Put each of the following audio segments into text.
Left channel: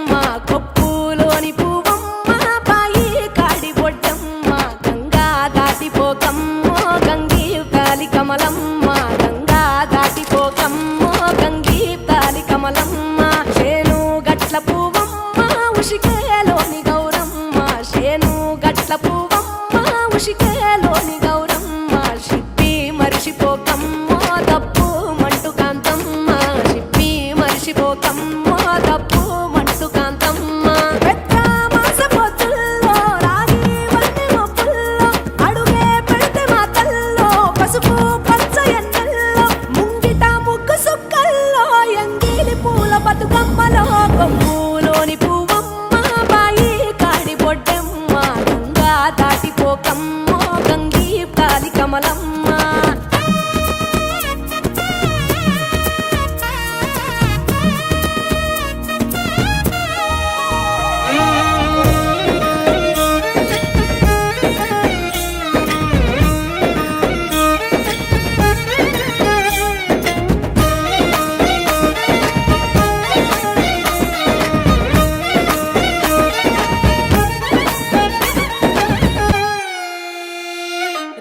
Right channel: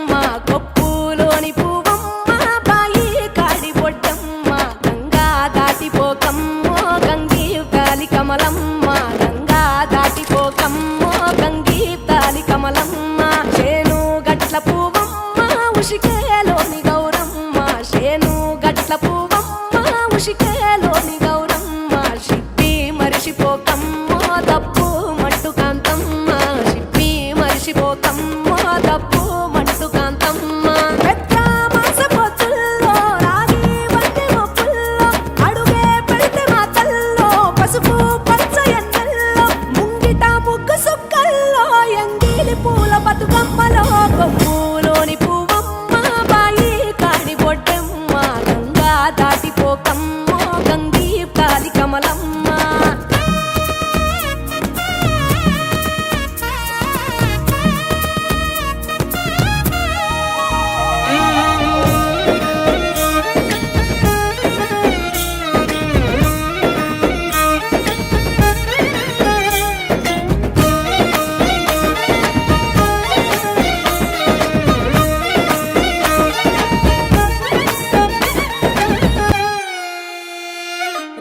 బొడ్డెమ్మ కొప్పులోని పువ్వమ్మ బాయి కాడి బొడ్డెమ్మ గంగా దాటిపోకమ్మో గంగీ తాలి కమలమ్మ గంగా దాటిపోకమ్మో గంగీ తాలి కమలమ్మ చేను గట్ల పువ్వమ్మ ఉషికేలోని గౌరమ్మ చేను గట్ల పువ్వమ్మ ఉషికేలోని గౌరమ్మ షిప్పి మరిషిపోకమ్మో తప్పు మంటు కాంతమ్మ షిప్పి మరిషిపోకమ్మో తప్పు మంటు కాంతమ్మ పెద్ద మాస పొత్తుల్లో రాగి వన్నె మొప్పుల్లో అడుగే పెడితే మాతల్లో పసుపు పచ్చ ఎన్నెల్లో ముంగిట ముగ్గు సుక్కల్లో ఎంగిలి పూల బతుకమ్మలో కొమ్ములోని పువ్వమ్మ బాయి కాడి బొడ్డెమ్మ గంగా దాటిపోకమ్మో గంగీ తాలి కమలమ్మ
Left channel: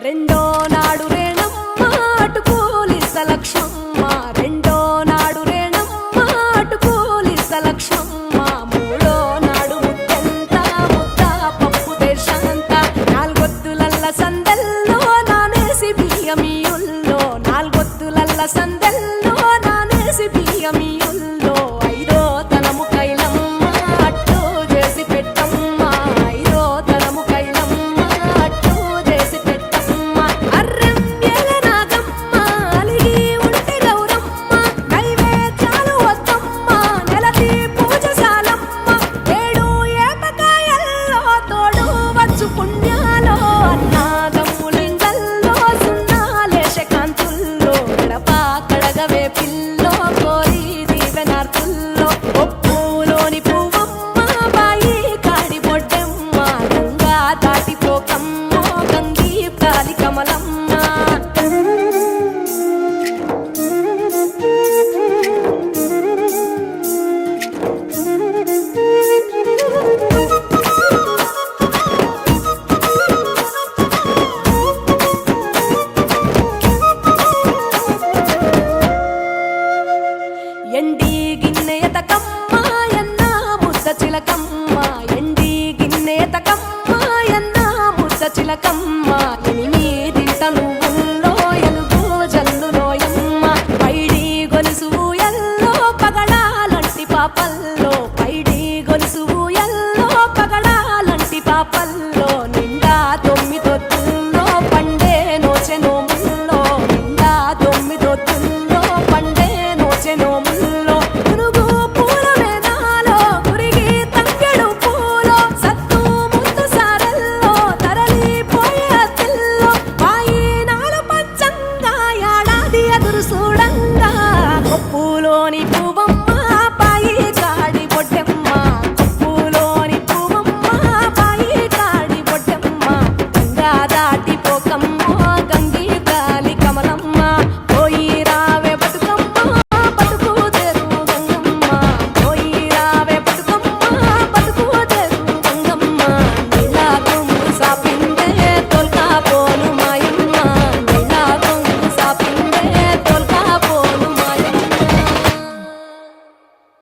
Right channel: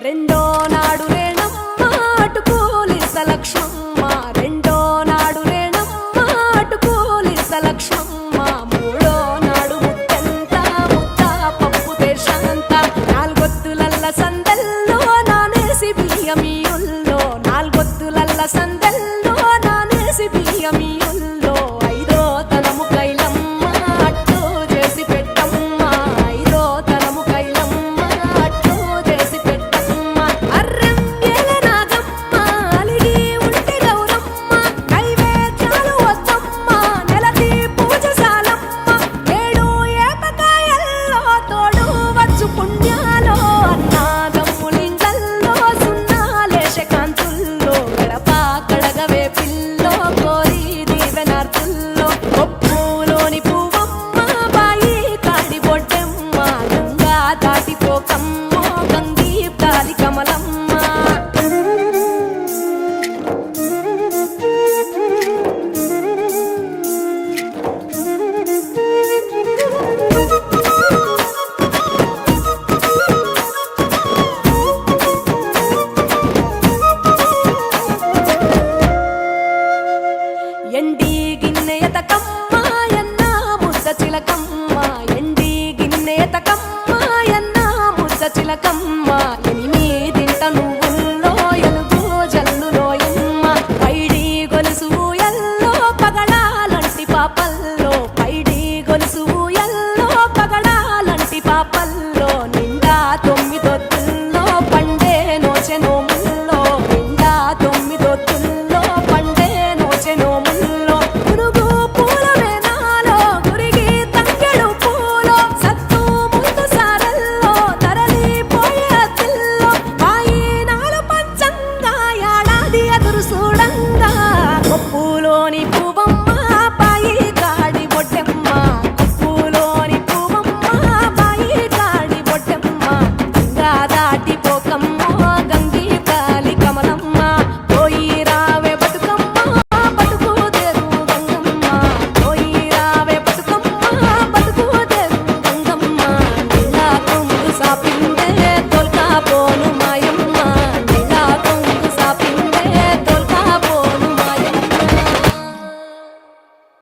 రెండో నాడు రేణమ్మ అటుకూలిస్త లక్ష్మమ్మ రెండో నాడు రేణమ్మ అటుకూలిస్త లక్ష్మమ్మ మూడో నాడు ముత్తెంత ముద్ద పప్పు దేశంత నాలుగొత్తులల్ల సందెల్లో నానేసి బియ్యమియుల్లో నాలుగొత్తులల్ల సందెల్లో నానేసి బియ్యమియుల్లో ఐదో తనము కైలమ్మ అట్టు చేసి పెట్టమ్మ ఐదో తనము కైలమ్మ అట్టు చేసి పెట్టమ్మ అర్రెం ఏల నాగమ్మ అలిగి ఉంటే గౌరమ్మ నైవేద్యాలు వద్దమ్మ నెలతి పూజశాలమ్మ ఏడు ఏపకాయల్లో తోడు వచ్చు పుణ్యాలో అన్నాగమ్ములింగల్లో సున్నాలేశ కాంతుల్లో గడప కడగవే పిల్లో కోరి దీవెనార్తుల్లో కొప్పులోని పువ్వమ్మ బాయి కాడి బొడ్డెమ్మ గంగా దాటిపోకమ్మో గంగీ తాలి కమలమ్మ ఎండి గిన్నె ఎతకమ్మ ఎన్న ముద్ద చిలకమ్మ ఎండి గిన్నె ఎతకమ్మ ఎన్న ముద్ద చిలకమ్మ ఎనిమిదింట నువ్వుల్లో ఎలుగు జల్లులోయమ్మ పైడి గొలుసు ఎల్లో పగడాలంటి పాపల్లో పైడి గొలుసు ఎల్లో పగడాలంటి పాపల్లో నిండా తొమ్మిదొత్తుల్లో పండే నోచె నోముల్లో నిండా తొమ్మిదొత్తుల్లో పండే నోచె నోముల్లో పునుగు పూల వేనాలో గురిగి తంగెడు పూలో సత్తు ముందు సారల్లో తరలిపోయే అత్తిల్లో వాయినాలు పంచంగా ఏడాది ఎదురు చూడంగా కొప్పులోని పువ్వమ్మ బాయి కాడి బొడ్డెమ్మ కొప్పులోని పువ్వమ్మ బాయి కాడి బొడ్డెమ్మ గంగా దాటిపోకమ్మో గంగీ తాలి కమలమ్మ పోయి రావే బతుకమ్మ బతుకు తెరు గంగమ్మ పోయి రావే బతుకమ్మ బతుకు తెరు గంగమ్మ నీలా కుంగు సాపిందే తొల్కా పోనుమా